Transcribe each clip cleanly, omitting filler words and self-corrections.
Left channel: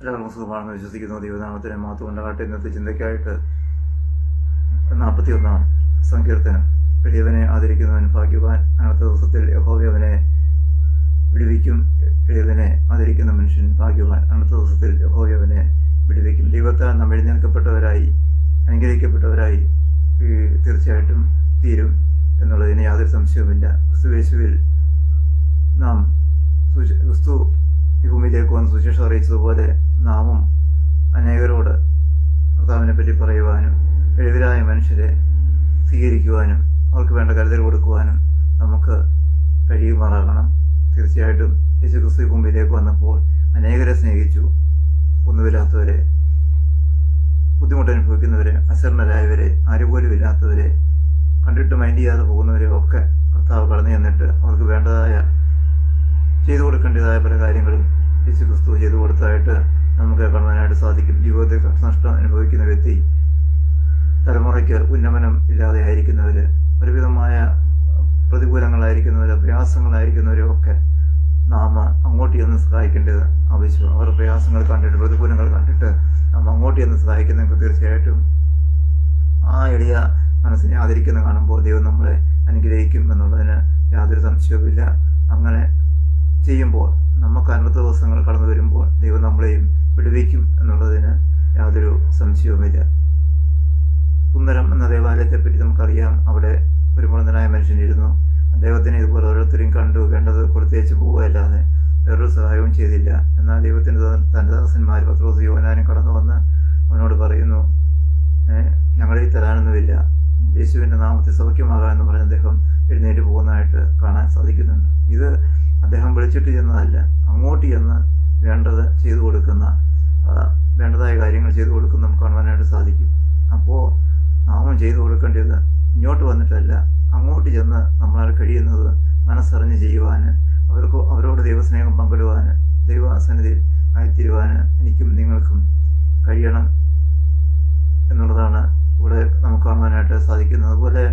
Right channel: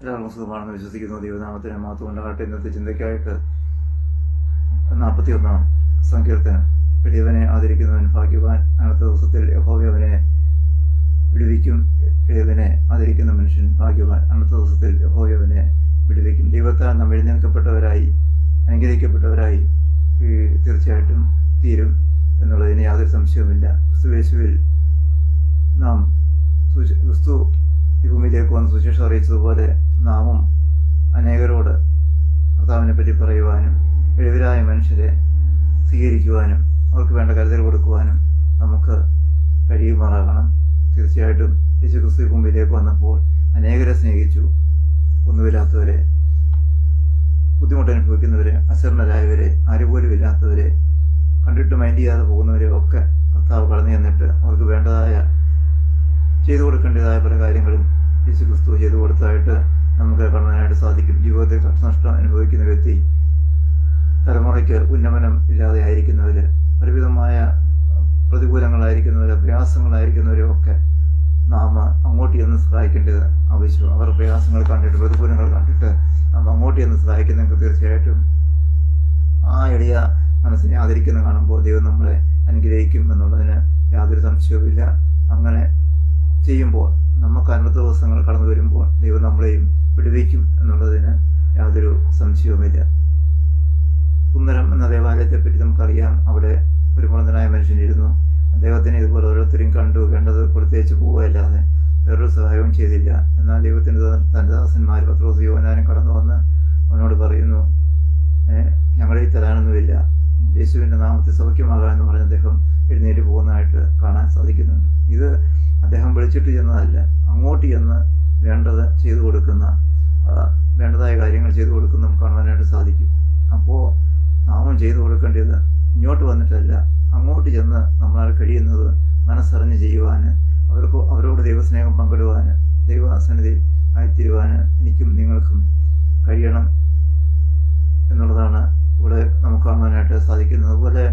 എല്ലാവർക്കും സുഖമാണെന്ന് വിശ്വസിക്കുന്നു. ദൈവനാമത്തിന് മാത്രം ഉണ്ടാകട്ടെ. ഇന്നത്തെ ചിന്തയ്ക്കായിട്ട് 41 സങ്കീർത്തനം. എളിയവനെ ആദരിക്കുന്നവൻ ഭാഗ്യവാൻ. അടുത്ത ദിവസത്തിൽ യഹോവ അവനെ വിടുവിക്കും. എളിയവനെ ആദരിക്കുന്ന മനുഷ്യൻ ഭാഗ്യവാൻ. അടുത്ത ദിവസത്തിൽ യഹോവ അവനെ വിടുവിക്കും. ദൈവത്താൽ നാം എഴുന്നേൽക്കപ്പെട്ടവരായി അനുഗ്രഹിക്കപ്പെട്ടവരായി തീർച്ചയായിട്ടും തീരും എന്നുള്ളതിന് യാതൊരു സംശയവുമില്ല. ക്രിസ്തുയേശുവിൽ നാം ക്രിസ്തു ഈ ഭൂമിയിലേക്ക് വന്ന് സുവിശേഷം അറിയിച്ചതുപോലെ നാമും അനേകരോട് കർത്താവിനെ പറ്റി പറയുവാനും എളിവരായ മനുഷ്യരെ സ്വീകരിക്കുവാനും അവർക്ക് വേണ്ട കരുതൽ കൊടുക്കുവാനും നമുക്ക് കഴിയുമാറാകണം. തീർച്ചയായിട്ടും യേശു ക്രിസ്തു ഈ ഭൂമിയിലേക്ക് വന്നപ്പോൾ അനേകരെ സ്നേഹിച്ചു. ഒന്നുമില്ലാത്തവരെ, ബുദ്ധിമുട്ടനുഭവിക്കുന്നവരെ, അശരണരായവരെ, ആരുപോലും ഇല്ലാത്തവരെ, കണ്ടിട്ട് മൈൻഡ് ചെയ്യാതെ പോകുന്നവരെ ഒക്കെ കർത്താവ് കടന്നു ചെന്നിട്ട് അവർക്ക് വേണ്ടതായ ചെയ്തു കൊടുക്കേണ്ടതായ പല കാര്യങ്ങളും യേശു ക്രിസ്തു ചെയ്തു കൊടുത്തതായിട്ട് നമുക്ക് കാണുവാനായിട്ട് സാധിക്കും. ജീവിതത്തിൽ കഷ്ടനഷ്ടം അനുഭവിക്കുന്ന വ്യക്തി, തലമുറയ്ക്ക് ഉന്നമനം ഇല്ലാതെ ആയിരിക്കുന്നവർ, ഒരുവിധമായ പ്രതികൂലങ്ങളായിരിക്കുന്നവർ, പ്രയാസങ്ങളായിരിക്കുന്നവരെ ഒക്കെ നാം അങ്ങോട്ട് ചെന്ന് സഹായിക്കേണ്ടത് ആവശ്യം. അവർ പ്രയാസങ്ങൾ കണ്ടിട്ട്, പ്രതികൂലങ്ങൾ കണ്ടിട്ട് നാം അങ്ങോട്ട് ചെന്ന് സഹായിക്കുന്നവർക്ക് തീർച്ചയായിട്ടും ആ എളിയ മനസ്സിനെ ആദരിക്കുന്ന കാണുമ്പോൾ ദൈവം നമ്മളെ അനുഗ്രഹിക്കും എന്നുള്ളതിന് യാതൊരു സംശയവുമില്ല. അങ്ങനെ ചെയ്യുമ്പോൾ നമുക്ക് അന്നത്തെ ദിവസങ്ങൾ കടന്നു വരുമ്പോൾ ദൈവം നമ്മളെയും വിടുവിക്കും എന്നുള്ളതിന് യാതൊരു സംശയവുമില്ല. സുന്ദരം എന്ന ദേവാലയത്തെപ്പറ്റി നമുക്കറിയാം. അവിടെ ഒരു മുളന്തനായ മനുഷ്യനിരുന്നു. അദ്ദേഹത്തിന് ഇതുപോലെ ഓരോരുത്തരും കണ്ടു വേണ്ടത് കൊടുത്തേച്ച് പോവുകയല്ലാതെ വേറൊരു സഹായവും ചെയ്തില്ല. എന്നാൽ ദൈവത്തിൻ്റെ തൻ്റെ ദാസന്മാർ പത്രോസ് യോഹന്നാനും കടന്നു വന്ന് അവനോട് പറയുന്നു, ഞങ്ങളീ തരാനൊന്നുമില്ല, യേശുവിൻ്റെ നാമത്തിൽ സൗഖ്യമാകാമെന്ന് പറഞ്ഞ് അദ്ദേഹം എഴുന്നേറ്റ് പോകുന്നതായിട്ട് കാണാൻ സാധിക്കുന്നുണ്ട്. ഇത് അദ്ദേഹം വിളിച്ചിട്ട് ചെന്നതല്ല, അങ്ങോട്ട് ചെന്ന് വേണ്ടത് ചെയ്തു കൊടുക്കുന്ന, വേണ്ടതായ കാര്യങ്ങൾ ചെയ്തു കൊടുക്കുന്ന നമുക്ക് കാണുവാനായിട്ട് സാധിക്കും. അപ്പോൾ നാമം ചെയ്തു കൊടുക്കേണ്ടത് ഇങ്ങോട്ട് വന്നിട്ടല്ല, അങ്ങോട്ട് ചെന്ന് നമ്മളാൽ കഴിയുന്നത് മനസ്സറിഞ്ഞ് ചെയ്യുവാൻ, അവരോട് ദൈവസ്നേഹം പങ്കിടുവാൻ, ദൈവസന്നിധിയിൽ ആയിത്തീരുവാൻ എനിക്കും നിങ്ങൾക്കും കഴിയണം എന്നുള്ളതാണ് ഇവിടെ നമുക്ക് കാണുവാനായിട്ട് സാധിക്കുന്നത്. അതുപോലെ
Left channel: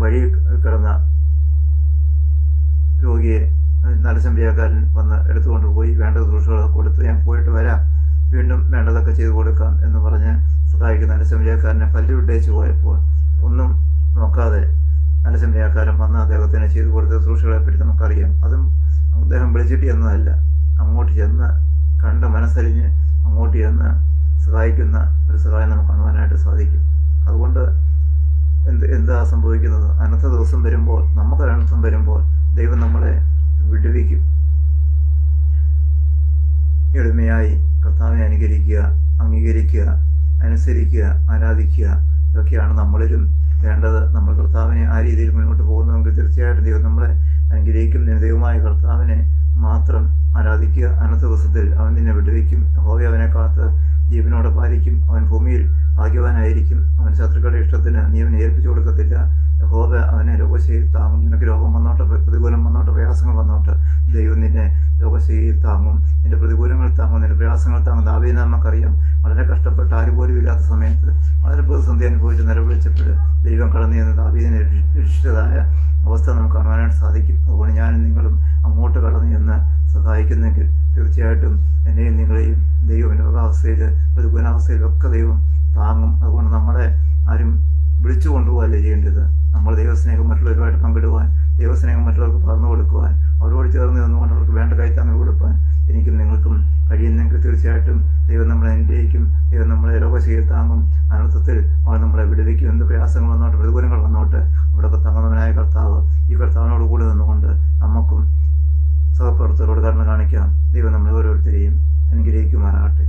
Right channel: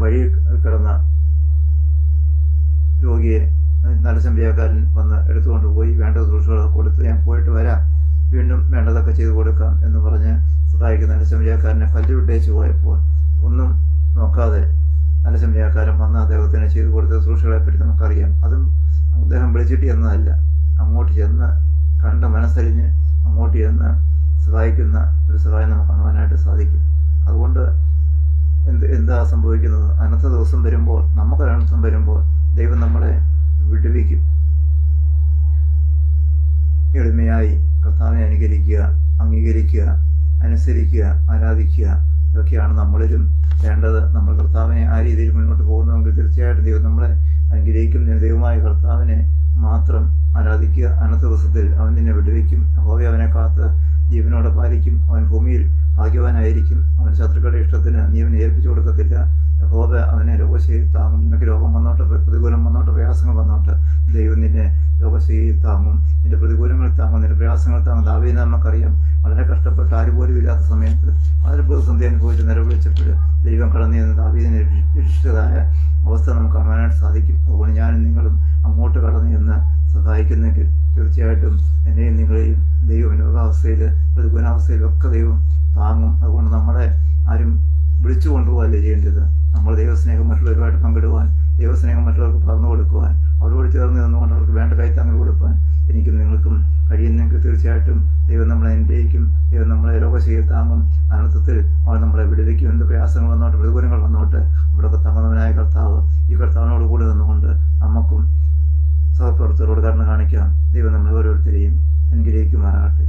വഴി കിടന്ന രോഗിയെ നരസംബ്യാക്കാരൻ വന്ന് എടുത്തുകൊണ്ട് പോയി വേണ്ട ശുശ്രൂഷകളൊക്കെ കൊടുത്ത് ഞാൻ പോയിട്ട് വരാം, വീണ്ടും വേണ്ടതൊക്കെ ചെയ്തു കൊടുക്കാം എന്ന് പറഞ്ഞ് സഹായിക്കുന്ന നരസംബ്യാക്കാരനെ പല്ലുവിട്ടേച്ച് പോയപ്പോൾ ഒന്നും നോക്കാതെ നരസംബ്യാക്കാരൻ വന്ന് അദ്ദേഹത്തിന് ചെയ്തു കൊടുത്ത ശുശ്രൂഷകളെപ്പറ്റി നമുക്കറിയാം. അതും അദ്ദേഹം വിളിച്ചിട്ട് എന്നതല്ല, അങ്ങോട്ട് ചെന്ന് കണ്ട് മനസ്സരിഞ്ഞ് അങ്ങോട്ട് ചെന്ന് സഹായിക്കുന്ന ഒരു സഹായം നമുക്ക് കാണുവാനായിട്ട് സാധിക്കും. അതുകൊണ്ട് എന്താ സംഭവിക്കുന്നത്? അനർത്ഥ ദിവസം വരുമ്പോൾ, നമുക്കൊരനർത്ഥം വരുമ്പോൾ ദൈവം നമ്മളെ വിടുവിക്കും. എളിമയായി കർത്താവിനെ അനുകരിക്കുക, അംഗീകരിക്കുക, അനുസരിക്കുക, ആരാധിക്കുക, ഇതൊക്കെയാണ് നമ്മളിലും വേണ്ടത്. നമ്മൾ കർത്താവിനെ ആ രീതിയിൽ മുന്നോട്ട് പോകുന്നതെങ്കിൽ തീർച്ചയായിട്ടും ദൈവം നമ്മളെ അനുഗ്രഹിക്കും. ദൈവമായ കർത്താവിനെ മാത്രം ആരാധിക്കുക. അനർത്ഥ ദിവസത്തിൽ അവൻ നിന്നെ വിടുവിക്കും. യഹോവ അവനെ കാത്ത് ജീവനോടെ പാലിക്കും. അവൻ ഭൂമിയിൽ ഭാഗ്യവാനായിരിക്കും. അവൻ ശത്രുക്കളുടെ ഇഷ്ടത്തിന് നീ അവനെ ഏൽപ്പിച്ചു കൊടുക്കത്തില്ല. യഹോവ അവനെ രോഗശൈലി താങ്ങും. നിനക്ക് രോഗം വന്നോട്ടെ, പ്രതികൂലം വന്നോട്ടെ, പ്രയാസങ്ങൾ വന്നോട്ടെ, ദൈവം നിന്നെ രോഗശൈലി താങ്ങും, നിന്റെ പ്രതികൂലങ്ങൾ താങ്ങും, നിന്റെ പ്രയാസങ്ങൾ താങ്ങും. ദാവീദിനെ നമുക്കറിയാം, വളരെ കഷ്ടപ്പെട്ട് ആരുപോലും ഇല്ലാത്ത സമയത്ത് വളരെ പ്രതിസന്ധി അനുഭവിച്ച് നിലവിളിച്ചപ്പോൾ ദൈവം കടന്നു ചെന്ന് ദാവീദിനെ രക്ഷിച്ചതായ അവസ്ഥ നമുക്ക് കാണുവാനായിട്ട് സാധിക്കും. അതുകൊണ്ട് ഞാനും നിങ്ങളും അങ്ങോട്ട് കടന്നു ചെന്ന് സഹായിക്കുന്നെങ്കിൽ തീർച്ചയായിട്ടും എന്നെയും നിങ്ങളെയും ദൈവം രോഗാവസ്ഥയിൽ, പ്രതികൂലാവസ്ഥയിലൊക്കെ ദൈവം താങ്ങും. അതുകൊണ്ട് നമ്മളെ ആരും വിളിച്ചു കൊണ്ടുപോകല്ലേ ചെയ്യേണ്ടത്. നമ്മൾ ദൈവസ്നേഹം മറ്റുള്ളവരുമായിട്ട് പങ്കിടുവാൻ, ദൈവസ്നേഹം മറ്റുള്ളവർക്ക് പകർന്നു കൊടുക്കുവാൻ, അവരോട് ചേർന്ന് നിന്നുകൊണ്ട് അവർക്ക് വേണ്ട കൈത്താങ്ങൽ കൊടുക്കാൻ എനിക്കും നിങ്ങൾക്കും കഴിയുന്നെങ്കിൽ തീർച്ചയായിട്ടും ദൈവം നമ്മളെ അനുഗ്രഹിക്കും. ദൈവം നമ്മളെ രോഗശൈലി താങ്ങും. അനർത്ഥത്തിൽ അവൻ നമ്മളെ വിടുവിക്കും. എന്ത് പ്രയാസങ്ങൾ വന്നോട്ടെ, പ്രതികൂലങ്ങൾ വന്നോട്ടെ, അവിടെയൊക്കെ തങ്ങുന്നവനായ കർത്താവ്, ഈ കർത്താവിനോട് കൂടി നിന്നുകൊണ്ട് നമുക്കും സഹപ്രവർത്തകരോട് കരുണ കാണിക്കാം. ദൈവം നമ്മളെ ഓരോരുത്തരെയും അനുഗ്രഹിക്കുമാറാകട്ടെ.